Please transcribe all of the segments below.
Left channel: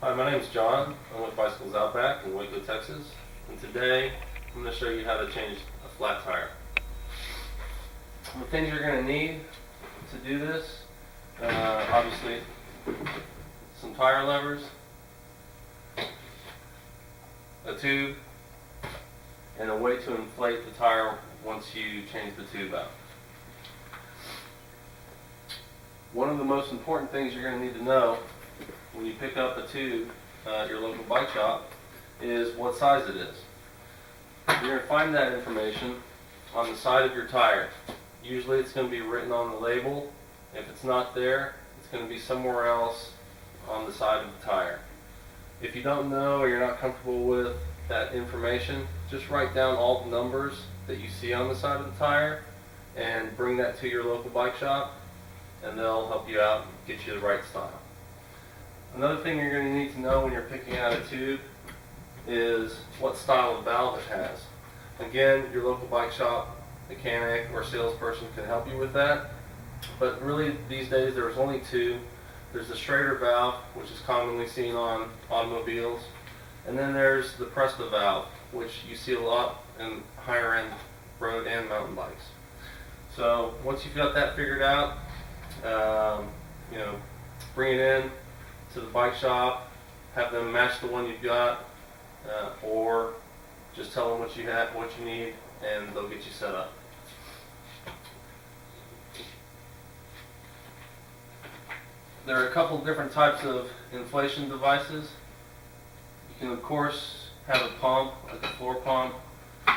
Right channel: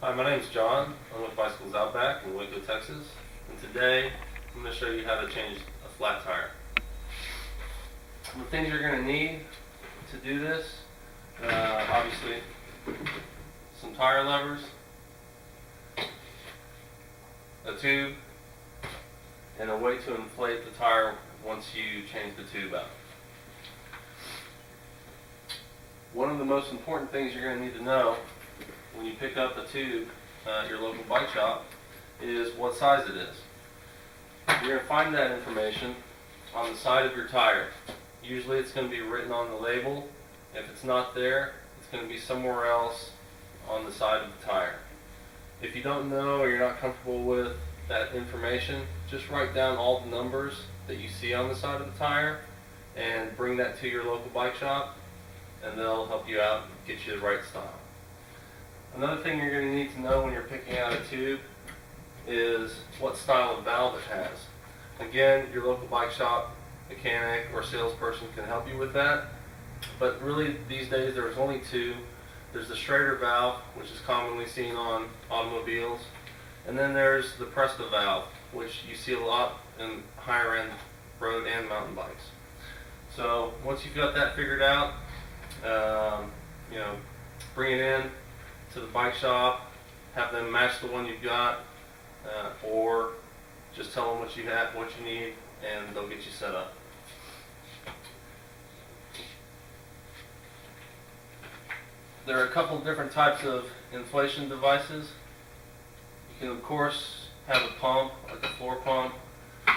Hi, my name is John. I'm with Bicycles Outback in Waco, Texas. And today I'm going to show you how to change a flat tire. The things you're going to need to do this, obviously, some tire levers, a tube, and a way to inflate the tire once you change the tube out. One of the most important things you're going to need to know when you pick up a tube at your local bike shop is what size it is. You're going to find that information on the side of your tire. Usually it's going to be written on the label. If it's not there, it's going to be somewhere else on the side of the tire. If you don't know or you're not comfortable with that information, just write down all the numbers that you see on the side of the tire and bring that to your local bike shop, and they'll help you out and get you the right style. Another thing you're going to need to know when you're picking out a tube is what style of valve it has. Again, your local bike shop mechanic or salesperson can help you with that, but really these days there's only two. There's the Schrader valve, which is commonly seen on automobiles, and then there's the Presta valve, which you see a lot in higher end road and mountain bikes. So once you've got that figured out, bring it in to the bike shop, have them match the one you've got, or just tell them what you have, what you need, and they'll get you set up. There are a couple different types of inflation devices. You can of course have a pump, like a floor pump,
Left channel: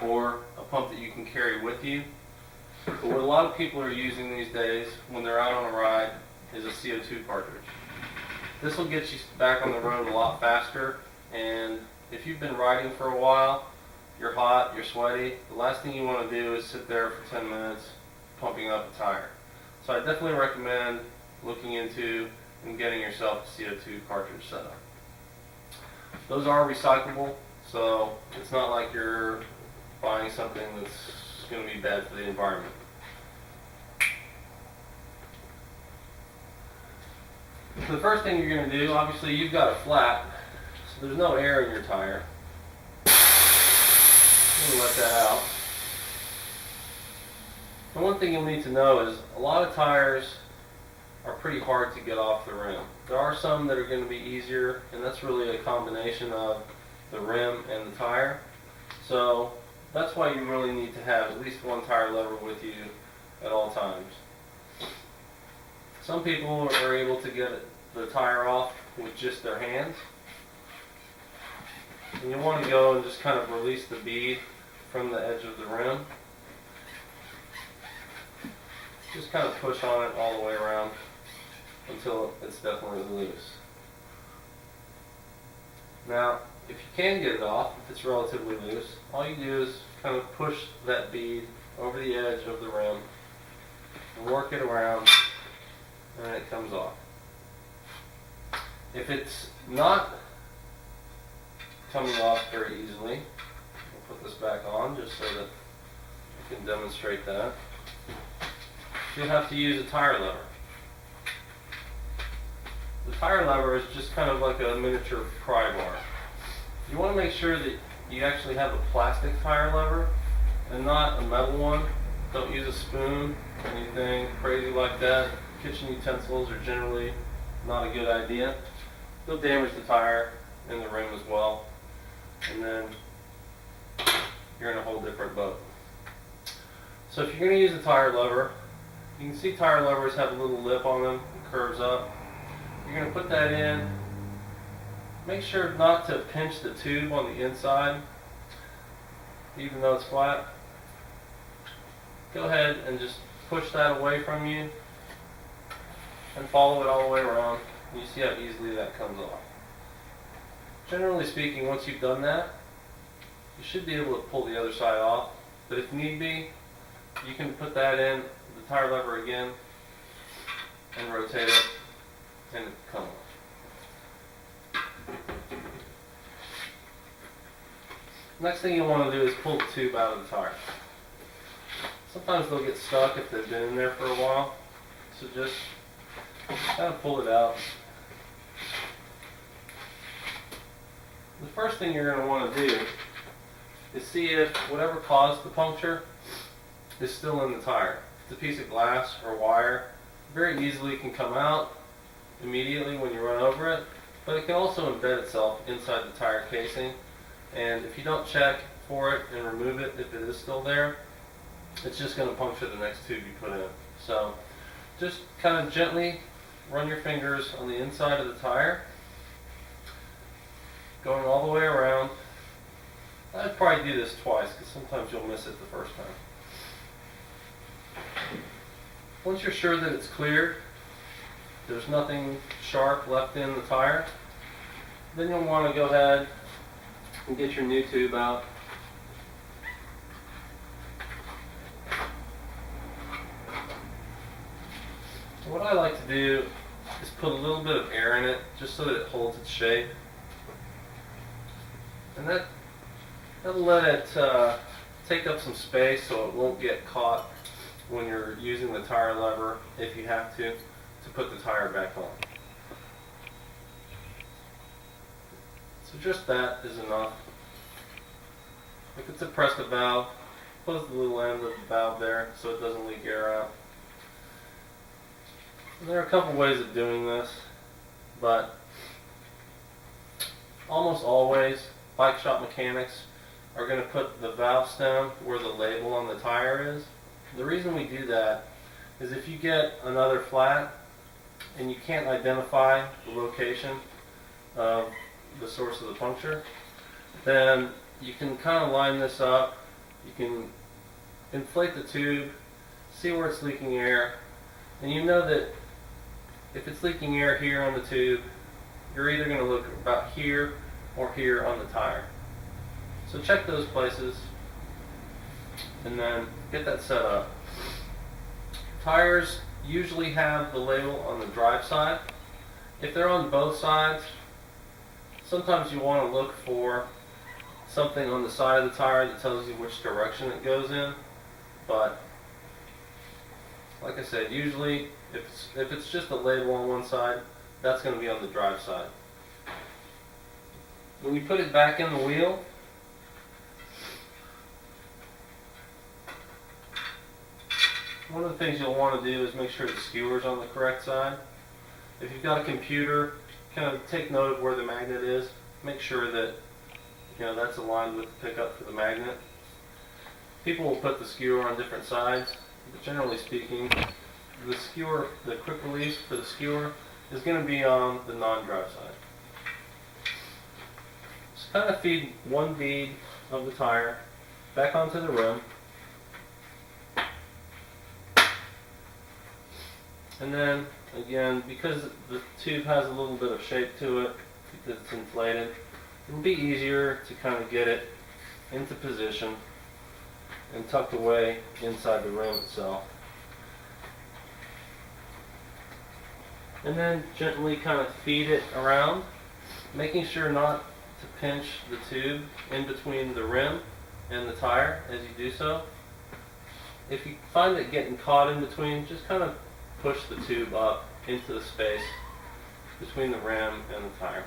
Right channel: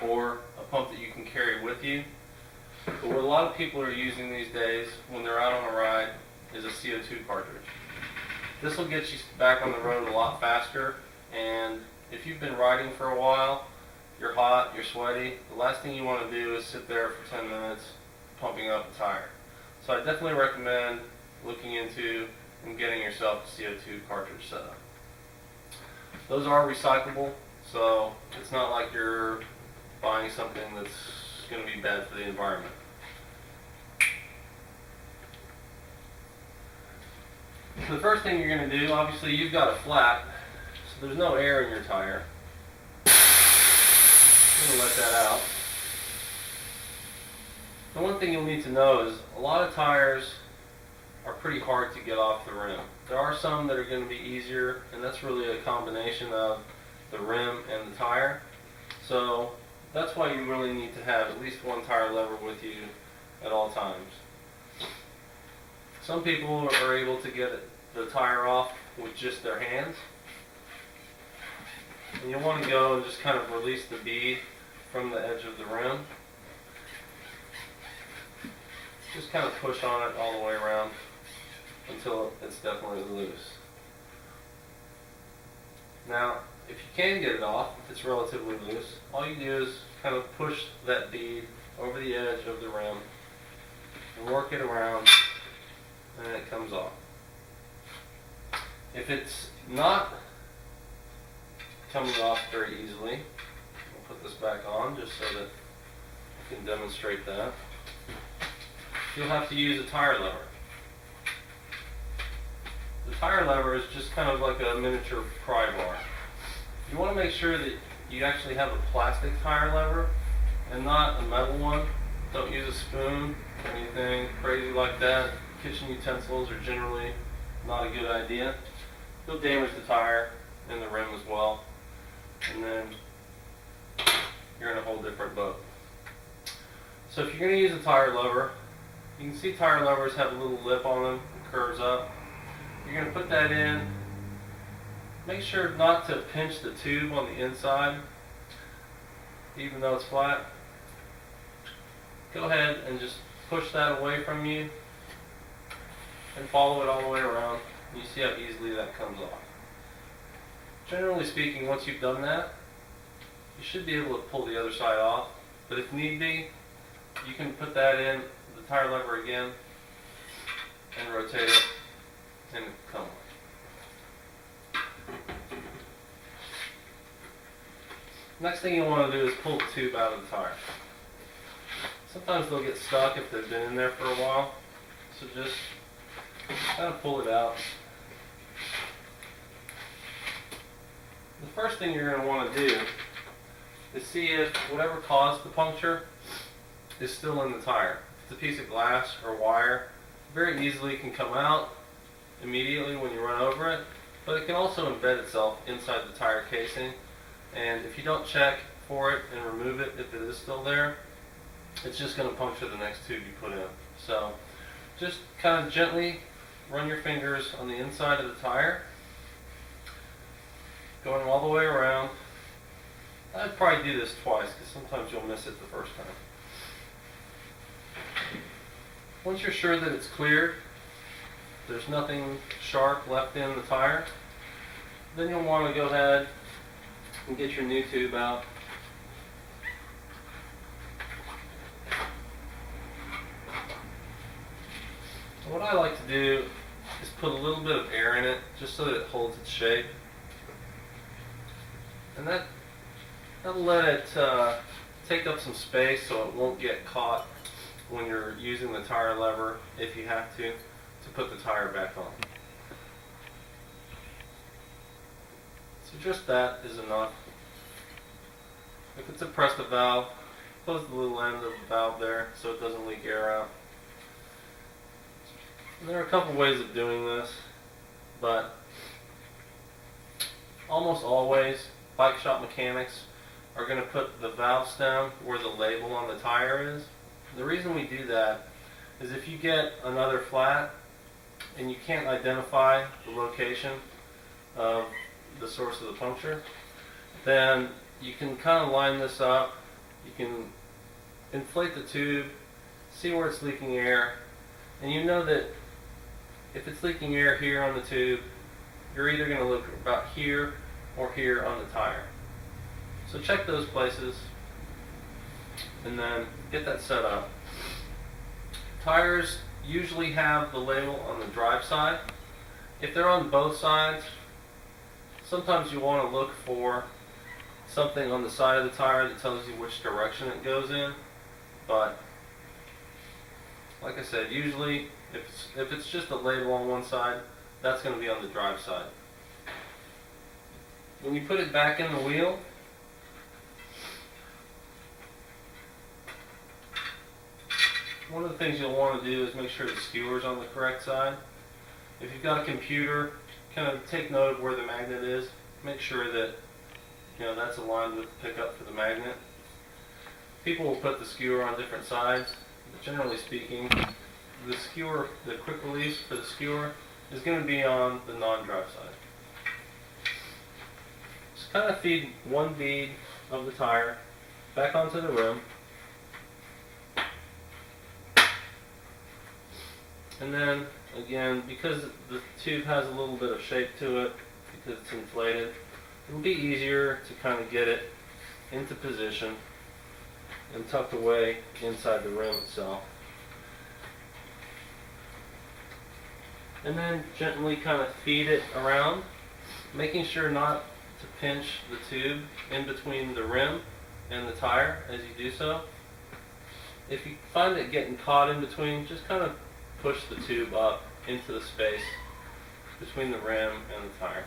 or a pump that you can carry with you. But what a lot of people are using these days when they're out on a ride is a CO2 cartridge. This will get you back on the road a lot faster, and if you've been riding for a while, you're hot, you're sweaty, the last thing you want to do is sit there for 10 minutes pumping up a tire. So I definitely recommend looking into and getting yourself a CO2 cartridge set up. Those are recyclable, so it's not like you're buying something that's going to be bad for the environment. So the first thing you're going to do, obviously you've got a flat, so there's no air in your tire. I'm going to let that out. The one thing you'll need to know is a lot of tires are pretty hard to get off the rim. There are some that are going to be easier, and that's really a combination of the rim and the tire. So that's why you really need to have at least one tire lever with you at all times. Some people are able to get the tire off with just their hands. And you want to go and just kind of release the bead from the edge of the rim. Just kind of push on it all the way around until it's definitely loose. Now, if you can get it off, if it's relatively loose, all you do is kind of push that bead over the edge of the rim and work it around, and it comes off. If it's not coming off very easily, we'll put this back on just so that I can demonstrate that. You'll have to use a tire lever. The tire lever is just kind of like a miniature pry bar. You want to make sure that you actually have a plastic tire lever and not a metal one. Don't use a spoon or anything crazy like that. Kitchen utensils are generally not a good idea. You'll damage the tire and the rim as well, and then you're in a whole different boat. So if you're going to use a tire lever, you can see tire levers have a little lip on them, it curves up. You're going to put that in. Make sure not to pinch the tube on the inside, even though it's flat. Go ahead and just push that away from you and follow it all the way around. You see how easily that comes off. Generally speaking, once you've done that, you should be able to pull the other side off, but if need be, you can put that in the tire lever again and rotate it and come off. Next thing you want to do is pull the tube out of the tire. Sometimes they'll get stuck if they've been in there for a while, so just kind of pull it out. first thing you're going to want to do is see if whatever caused the puncture is still in the tire. If it's a piece of glass or wire, very easily can come out immediately when you run over it, but it can also embed itself inside the tire casing, and if you don't check for it and remove it if it is still there, it's just going to puncture the next tube you put in. So just kind of gently run your fingers on the inside of the tire, going all the way around. I'd probably do this twice because sometimes you'll miss it the first time. Once you're sure that it's cleared, there's nothing sharp left in the tire, then you'll want to go ahead and get your new tube out. What I like to do is put a little bit of air in it just so that it holds its shape. And that'll let it take up some space so it won't get caught when you're using the tire lever, if you have to put the tire back on. So just that is enough. If it's a Presta valve, close the little end of the valve there so it doesn't leak air out. And there are a couple ways of doing this, but almost always bike shop mechanics are going to put the valve stem where the label on the tire is. The reason we do that is if you get another flat and you can't identify the location of the source of the puncture, then you can kind of line this up. You can inflate the tube, see where it's leaking air, and you know that if it's leaking air here on the tube, you're either going to look about here or here on the tire. So check those places and then get that set up. Tires usually have the label on the drive side. If they're on both sides, sometimes you want to look for something on the side of the tire that tells you which direction it goes in. But like I said, usually if it's just a label on one side, that's going to be on the drive side. When you put it back in the wheel, one of the things you'll want to do is make sure the skewer's on the correct side. If you've got a computer, kind of take note of where the magnet is. Make sure that that's aligned with the pickup for the magnet. People will put the skewer on different sides, but generally speaking, the skewer, the quick release for the skewer, is going to be on the non-drive side. Just kind of feed one bead of the tire back onto the rim. And then, again, because the tube has a little bit of shape to it, because it's inflated, it'll be easier to kind of get it into position and tucked away inside the rim itself. And then gently kind of feed it around, making sure not to pinch the tube in between the rim and the tire as you do so. If you find it getting caught in between, just kind of push the tube up into the space between the rim and the tire,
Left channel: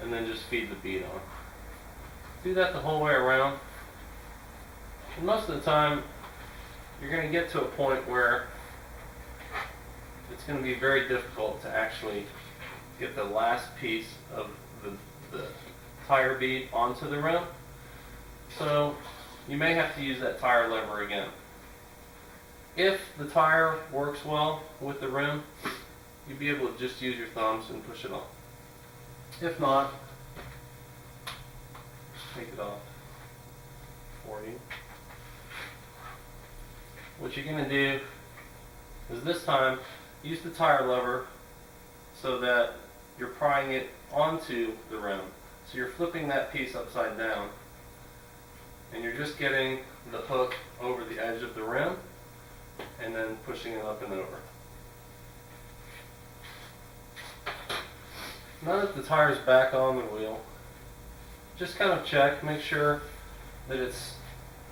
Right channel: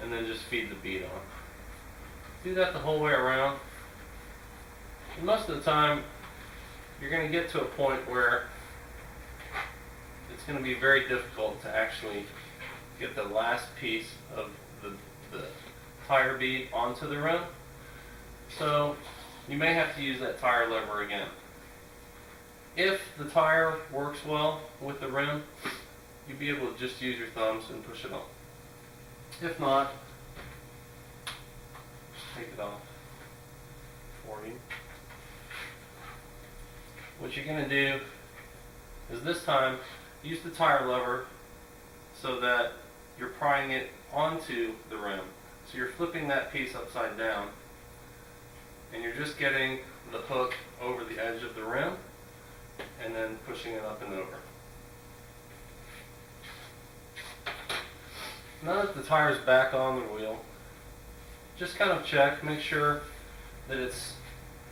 and then just feed the bead on. Do that the whole way around. And most of the time, you're going to get to a point where it's going to be very difficult to actually get the last piece of the tire bead onto the rim. So you may have to use that tire lever again. If the tire works well with the rim, you'll be able to just use your thumbs and push it on. If not, take it off for you. What you're going to do is this time use the tire lever so that you're prying it onto the rim. So you're flipping that piece upside down, and you're just getting the hook over the edge of the rim and then pushing it up and over. Now that the tire's back on the wheel, just kind of check, make sure that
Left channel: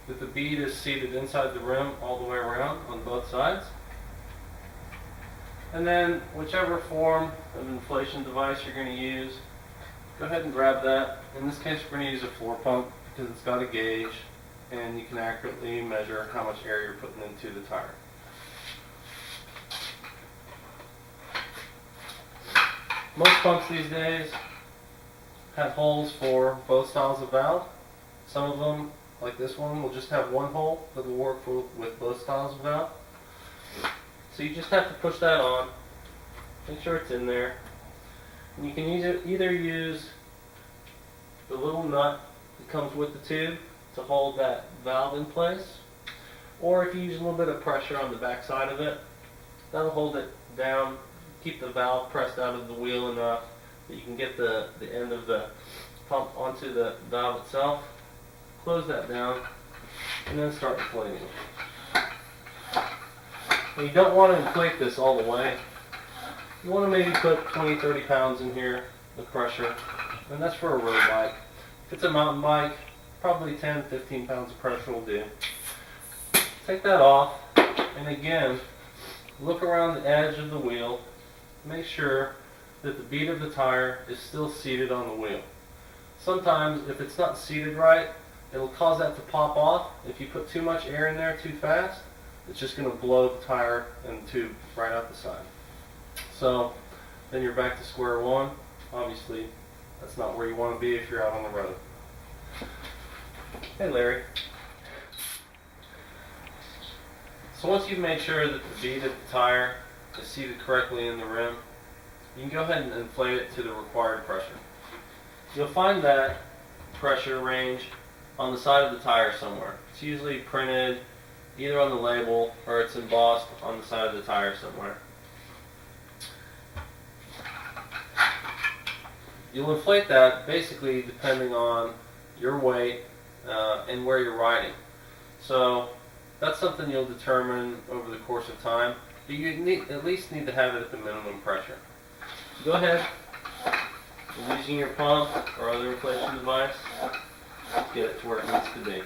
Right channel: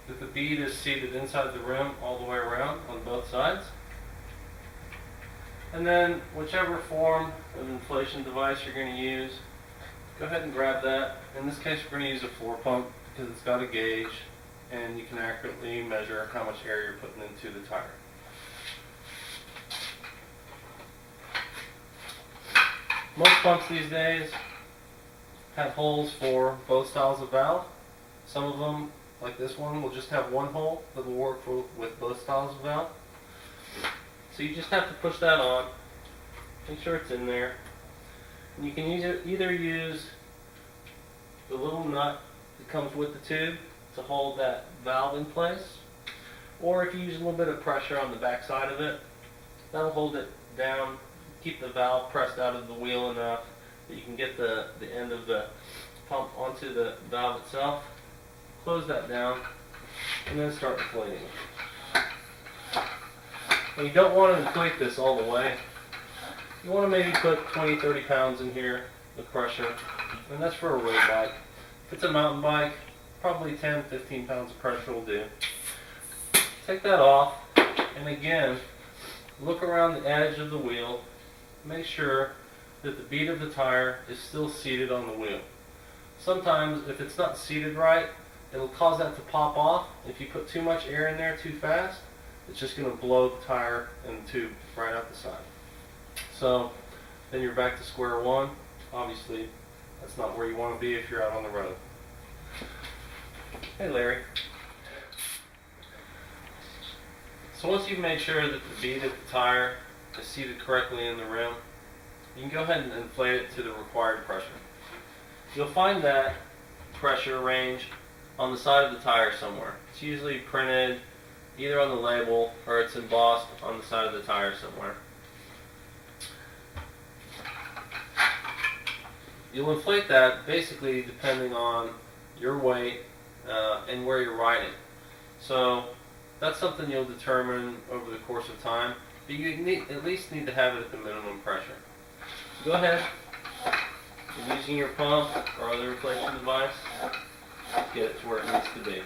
the bead is seated inside the rim all the way around on both sides. And then whichever form of inflation device you're going to use, go ahead and grab that. In this case, we're going to use a floor pump because it's got a gauge and you can accurately measure how much air you're putting into the tire. Most pumps these days have holes for both styles of valve. Some of them, like this one, will just have one hole that will work with both styles of valve. So you just have to push that on, make sure it's in there. And you can either use the little nut that comes with the tube to hold that valve in place, or if you use a little bit of pressure on the back side of it, that'll hold it down, keep the valve pressed out of the wheel enough that you can get the end of the pump onto the valve itself. Close that down, and then start inflating it. Now you don't want to inflate this all the way. You want to maybe put 20-30 pounds in here, the pressure, and that's for a road bike. If it's a mountain bike, probably 10-15 pounds of pressure will do. Take that off, and again, look around the edge of the wheel. Make sure that the bead of the tire is still seated on the wheel. Sometimes, if it's not seated right, it'll cause that to pop off. If you put too much air in there too fast, it's just going to blow the tire and the tube right out the side. So then you're back to square one. Obviously, that's not where you want to be if you're out on the road. Hey Larry. So once you've made sure that the bead of the tire is seated correctly in the rim, you can go ahead and inflate it to the required pressure. You'll find that pressure range on the side of the tire somewhere. It's usually printed either on the label or it's embossed on the side of the tire somewhere. You'll inflate that basically depending on your weight and where you're riding. So that's something you'll determine over the course of time. But you at least need to have it at the minimum pressure. So go ahead, and using your pump or other inflation device, get it to where it needs to be.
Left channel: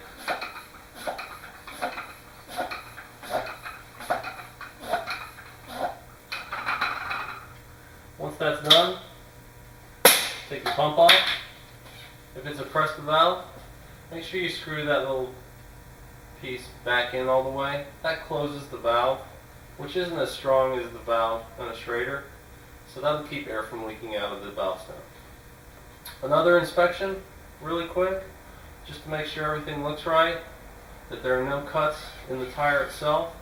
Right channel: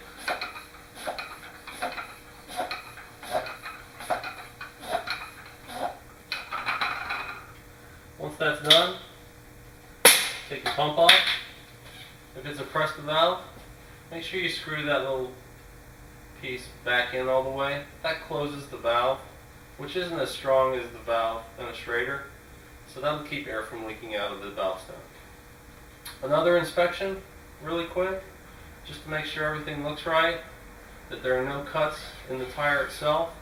Once that's done, take your pump off. If it's a pressed valve, make sure you screw that little piece back in all the way. That closes the valve, which isn't as strong as the valve in a Schrader, so that'll keep air from leaking out of the valve stem. Another inspection, really quick, just to make sure everything looks right, that there are no cuts in the tire itself,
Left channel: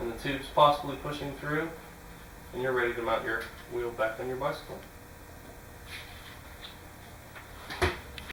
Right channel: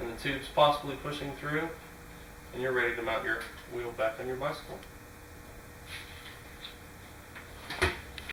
and the tube's possibly pushing through, and you're ready to mount your wheel back on your bicycle.